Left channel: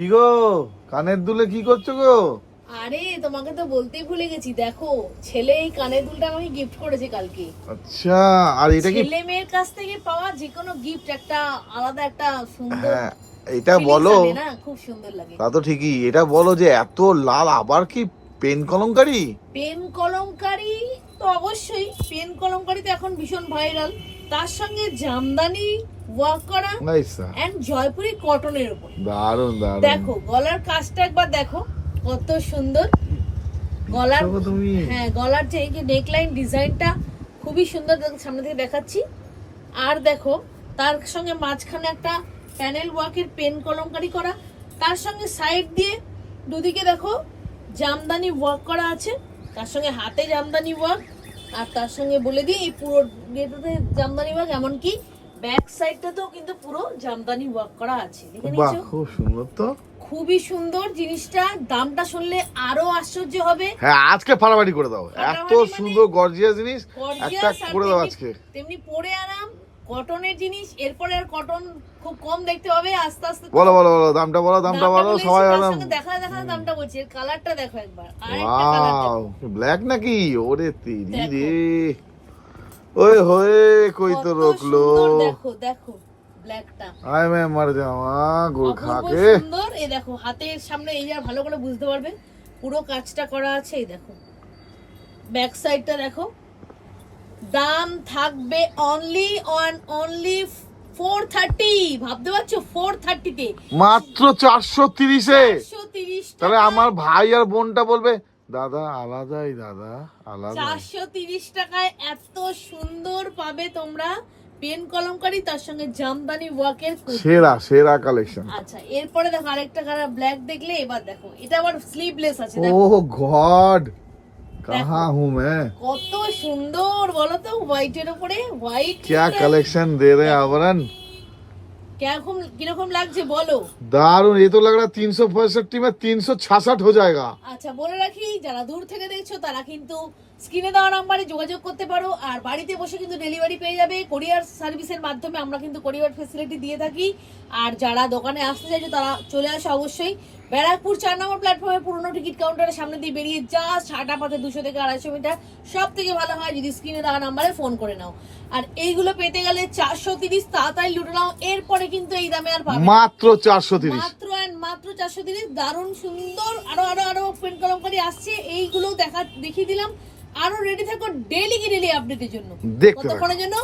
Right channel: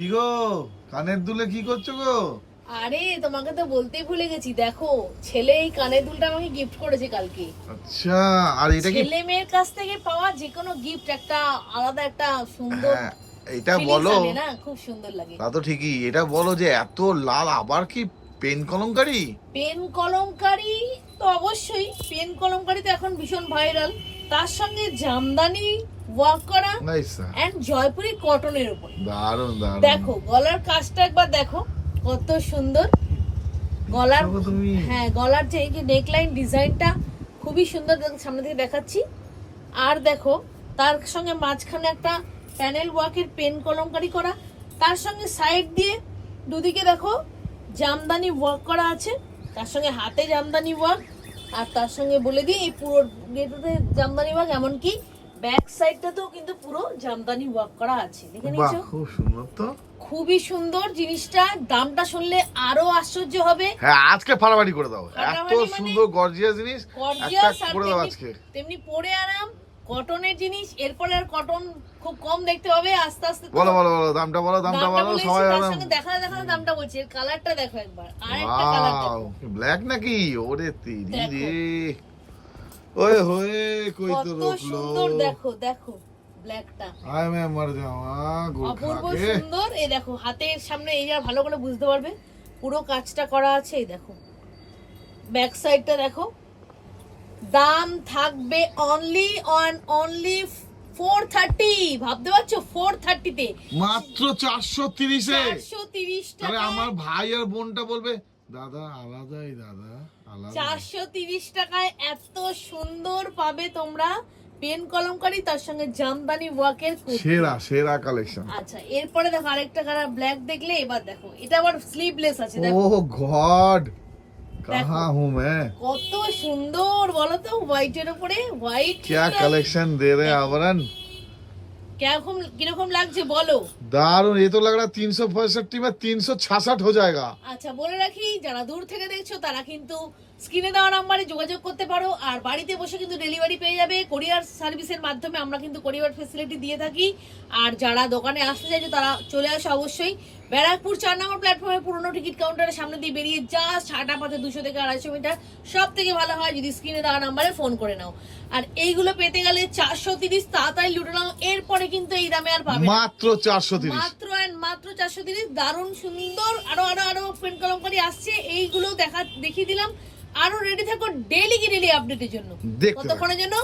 কি গো, কানের দুলে কি করছো গো? আরে তোমাকে তো বলতেই ভুলে গেছি, দেখো ছেলে এই কানের দুলটা আমাকে গিফট করেছে কালকে। আচ্ছা, আর এটা কি? ছেলে মেয়ের কাছ থেকে পাওয়া যে কোনো গিফট একটা আলাদা একটা সুন্দর হ্যাঁ, এটা feelings বলো। আনে না, খুব সুন্দর লাগে। তা তো ঠিকই, এটা বলো যে এত লাল আবার কি পেন কলমকারি? পেন কলমকারি তো অবশ্যই, পেন কলমকারি তো এখন ভীষণ ভাইরাল। তার সঙ্গে জামদানি ওয়ার্ক করা নাইস, এন্ড জয়পুরি কটনের উপর। দারুন দারুন। দেখো গলার কাজটা একবার দেখো কত সুন্দর। গলার দেখো তুমি। হ্যাঁ, গলার যে এই যে নেকলাইন ডিজাইনটা খুবই সুন্দর, সামনে থেকে দেখাচ্ছি। আর দেখো তার সঙ্গে মাঝখানে একটা প্যানেল ওয়ার্কের পেন কলমকারি করা, তার সঙ্গে সাইড দিয়ে দুদিকে দেখো জামদানি ওয়ার্ক করা আছে, তার সঙ্গে হাতে জামদানি ওয়ার্ক। আর তার সঙ্গে বলে দিই এই পুরো গেটে জামদানি ওয়ার্ক, এমনকি ব্যাক সাইডটাতেও কিন্তু পুরো জামদানি ওয়ার্ক করা আছে। দেখে বাহ, নিচ্ছ, খুব সুন্দর তো। খুবই সুন্দর জিনিসটা। দামটা শুনলে আরো আশ্চর্য হবে। হ্যাঁ, আজকে ফাটাফাটি করে দাও, এত ফাটাফাটি মানে সুন্দর গর্জিয়াস জিনিস একটা গর্জিয়াস আর করে দাও আজকে। তেমনি পরে আরাম, কটনের জিনিস। এরপরে আর কটন খুব কম দেখতে হবে, আস্তে আস্তে তো বলো বলো বলো, দামটা বলো, দামটা বলো, বলে সবাই এসেছি, তার আরাম। সঙ্গে দেখা দামটা বলছি। এর কালারটা দেখো একবার, আরেকটা কালার ওয়াও, দেখো। ব্ল্যাক নাকি? ওরে তেরি দেখো। রে, ওই হয়ে কই তো কত রোকলো। সুন্দর, দেখো দেখো ব্ল্যাকটা আয় মে মর যাওয়া গুল অপূর্ব খাকে। সুন্দর। এই দেখো হাতের সামনে, এই আর ভালো করে বুঝতে পারবে পুরো কাজটা করা আছে। এই দেখো ব্যাক সাইডটা দেখো। দাম থাকবে অনলি 430। ভাবতে পারছো 430 তে মাত্র 430-এ। 430 তাহলে টাকা। আমার ভাই আর বোনটা বলবে দাদা আলাদাই, দাদা আলাদা। 430 টাকায় এত সুন্দর পাবে তোমরা পেন কলমকারি, তার সঙ্গে জামদানি ওয়ার্কের কুর্তি। সেরা সেরা কালেকশন। আচ্ছা, এরপরে দেখো আরেকটা কালার ব্ল্যাক দেখলে। এবার দেখো এটা আবার স্লিভলেস আছে, ও দেখো গড, কাহা হুঁ মে। কত সুন্দর বলো তো, হোয়াইটের উপরে হোয়াইট। क्या कलेक्शन दे रहे हैं आवरण। কিরকম লাগছে বলো। दारुण, ये तो लग रहा है 365 में 366 हो जाएगा। আচ্ছা, বলে রাখি যারা দূর থেকে দেখছো তারা কিন্তু স্ক্রিনে দেওয়া নাম্বারে যোগাযোগ করতে পারো, আর বাড়িতে বসে কিন্তু ডেলিভারি পেয়ে যাবে। কোরিয়ার সার্ভিসের মাধ্যমে আমরা কিন্তু কোরিয়ার ফ্যাসিলিটি দিয়ে থাকি। আর যারা দোকানে আসতে চাইছো তারা চলে আসে অবশ্যই ব্যারাকপুর 4 নম্বর প্ল্যাটফর্মে পুরনো টিকিট কাউন্টারের সামনে দিয়ে বেরিয়ে জাস্ট হাঁটা পথে 200 থেকে 250 মিটার। সব থেকে ভালো হয় যদি স্ক্রিনে দেওয়া নাম্বারে ফোন করে নাও। আর এইগুলো পেতে গেলে 430 তাড়াতাড়ি লুটে নাও, এরপরে কিন্তু এই দামে আর পাবে না। মাত্র 430। মাত্র 430। দারুণ সুন্দর আরো পেন কলমকারি আসছে, এইগুলো দেখিয়ে দিলাম। আরো রেডি থাকো ডেইলি আপডেটের জন্য। দেখতে থাকো। কতক্ষণের জন্য?